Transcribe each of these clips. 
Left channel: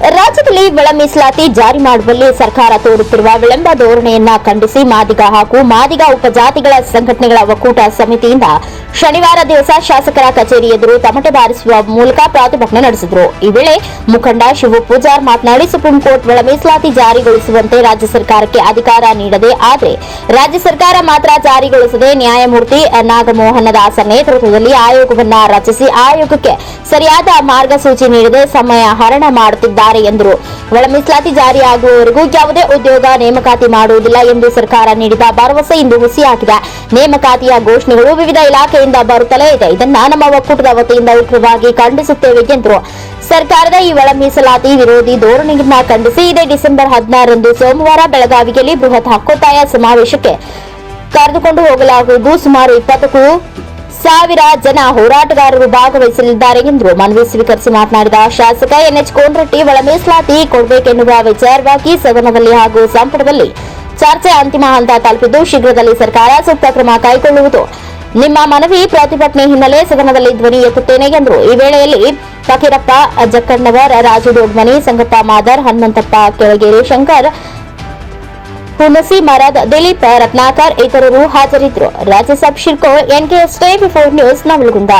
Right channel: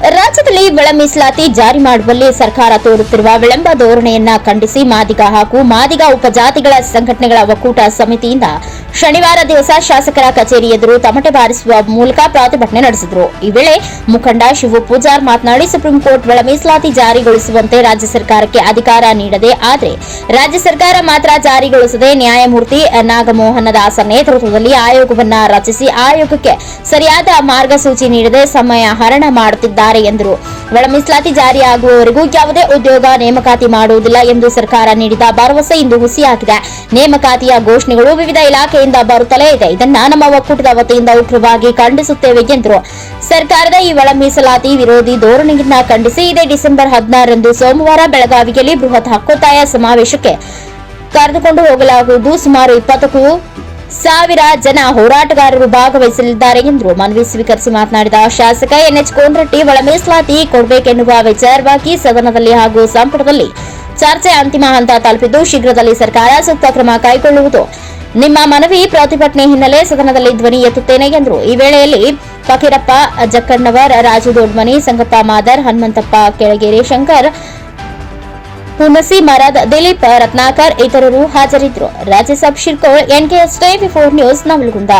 ರಾಜ್ಯದಲ್ಲಿ ಒಳ ಮೀಸಲಾತಿ ಜಾರಿ ಮಾಡುವಲ್ಲಿ ಸರ್ಕಾರ ತೋರುತ್ತಿರುವ ವಿಳಂಬ ಧೋರಣೆಯನ್ನ ಖಂಡಿಸಿ ಮಾದಿಗ ಹಾಗೂ ಮಾದಿಗ ಉಪಜಾತಿಗಳ ಸಂಘಟನೆಗಳ ಒಕ್ಕೂಟ ಸಮಿತಿಯಿಂದ ಶನಿವಾರ ದಿವಸ ಶಾಸಕರ ಕಚೇರಿ ಎದುರು ತಮಟೆ ಬಾರಿಸುವ ಮೂಲಕ ಪ್ರತಿಭಟನೆ ನಡೆಸಿದರು. ಈ ವೇಳೆ ಮುಖಂಡ ಶಿವು ಪೂಜಾರ್ ಮಾತನಾಡಿ, ಸುಪ್ರೀಂ ಕೋರ್ಟ್ ಒಳ ಮೀಸಲಾತಿ ಜಾರಿಗೊಳಿಸುವಂತೆ ರಾಜ್ಯ ಸರ್ಕಾರಕ್ಕೆ ಅಧಿಕಾರ ನೀಡದೆ, ಆದರೆ ರಾಜ್ಯ ಸರ್ಕಾರ ಮಾತ್ರ ಜಾರಿಗೊಳಿಸದೆ ನ್ಯಾಯಮೂರ್ತಿ ನಾಗಮೋಹನ ದಾಸ್ ನೇತೃತ್ವದಲ್ಲಿ ಆಯೋಗವನ್ನ ರಚಿಸಿ ಆಯೋಗಕ್ಕೆ ಸರಿಯಾದ ಮಾರ್ಗಸೂಚಿ ನೀಡದೆ ಸಮಯ ಹರಣ ಮಾಡುತ್ತಿದ್ದಾರೆ ಎಂದರು. ಒಳ ಮೀಸಲಾತಿ ಜಾರಿಯಾಗುವವರೆಗೂ ಯಾವುದೇ ಉದ್ಯೋಗ ನೇಮಕಾತಿ ಮಾಡುವುದಿಲ್ಲ ಎಂದು ಸರ್ಕಾರ ನೀಡಿದ ಭರವಸೆ ಇಂದು ಹುಸಿಯಾಗಿದೆ. ನೇಮಕಾತಿಯ ಘೋಷಣೆಗಳು ವಿವಿಧ ಇಲಾಖೆಯಿಂದ ಬರುತ್ತಲೇ ಇದೆ. ಇದನ್ನ ನಮ್ಮ ಒಕ್ಕೂಟದ ವತಿಯಿಂದ ಉಗ್ರವಾಗಿ ಖಂಡಿಸುತ್ತೇವೆ ಎಂದರು. ಸರ್ಕಾರದ ಈ ಒಳ ಮೀಸಲಾತಿ ವಿರೋಧಿ ಧೋರಣೆಯನ್ನ ಖಂಡಿಸಿ ಇದೇ ಡಿಸೆಂಬರ್ 16ರಂದು ಸೋಮವಾರ ಬೆಳಗಾವಿಯಲ್ಲಿ ಬೃಹತ್ ಹಕ್ಕೊತ್ತಾಯ ಸಮಾವೇಶಕ್ಕೆ ಕರೆದುಕೊಂಡು ಹೋಗಲಾಗುವುದು. ಸುಮಾರು 20,000 ಜನ ಹೋರಾಟಗಾರರು ಭಾಗವಹಿಸಲಿದ್ದಾರೆ ಎಂದರು. ಮನವಿ ಸ್ವೀಕರಿಸಿ ಮಾತನಾಡಿದ ಶಾಸಕ ಎನ್ಎಚ್ ಕೋನರಟ್ಟಿ, ಒಳ ಮೀಸಲಾತಿ ಕೊಡಬೇಕೆನ್ನುವ ವಿಚಾರವಾಗಿ ಸದನದಲ್ಲಿ ಹಾಗೂ ಸಂಪುಟದಲ್ಲಿ ಚರ್ಚೆ ಅಂತಿಮ ಹಂತ ತಲುಪಿದ್ದು, ಶೀಘ್ರದಲ್ಲಿ ಸರ್ಕಾರ ಸೂಕ್ತ ಕ್ರಮ ಕೈಗೊಳ್ಳುವುದು. ನಿಮ್ಮ ಮನವಿ ಪ್ರತಿಭಟನೆ ಹಿನ್ನೆಲೆ ಸದನದಲ್ಲಿ ಧ್ವನಿ ಎತ್ತುತ್ತೇನೆ ಎಂದರು. ಈ ವೇಳೆಯಲ್ಲಿ ಫಕೀರಪ್ಪ ಜಕ್ಕಣ್ಣವರ್, ರಾಜು ದೊಡ್ಮನಿ, ಸಂಗಪ್ಪ ಮಾದರ್, ಹನುಮಂತಪ್ಪ ಕೆಳಗೇರಿ, ಶಂಕರ್ ಹುಣಸಿ ಮರದ್, ದಿಲೀಪ್ ರತ್ನಾಕರ್ ಇತರರು ಹಾಜರಿದ್ದರು. ರಾಜ್ಯಸಭಾ ಶಿರ್ಕೋಳ್, NKS 24 ನ್ಯೂಸ್, ನವಲಗುಂದ.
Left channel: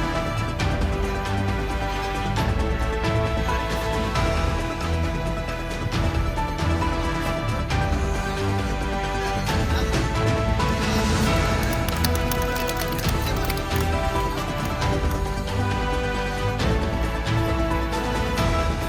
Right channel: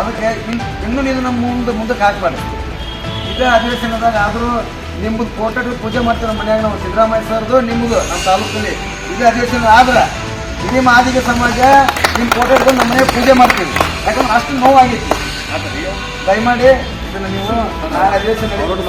ಅದಕ್ಕೆ ಇನ್ನೂ ನೀವು ನಮ್ಮ ಮುಂದಕ್ಕೆ ಹಾಕ್ಬಾರ್ದು. ಇದೇ ಅಧಿವೇಶನದಾಗ ಆದರೂ ನಿಮ್ಮದು ಕೋಟೆಗಳು ಪೂಜೆ ಮಾಡ್ತಾರೆ ಮನೆಯಾಗ. ನಾವು ಸಿದ್ದರಾಮಯ್ಯ ಸರ್ದು ನಿಮ್ಮದು ನಮ್ಮ ತಾಲೂಕಲ್ಲಿ ಇದೇ ಅಧಿವೇಶನ ಆದ್ರೆ ಇಡೀ ಮಾದಿಗ ಸಮಾಜ ನಿಮ್ಮ ಕೋಟೆಗಳು ನಮ್ಮ ಮನೆಗೆ ಪೂಜೆ ಮಾಡ್ತೀವಿ. ಯಾಕಂದ್ರೆ ಅಷ್ಟು ನೋವಾಗಿತ್ತು. ದಯಮಾಡಿ ಇದನ್ನು ನೀವು ಆ ಅಧಿವೇಶನದಲ್ಲಿ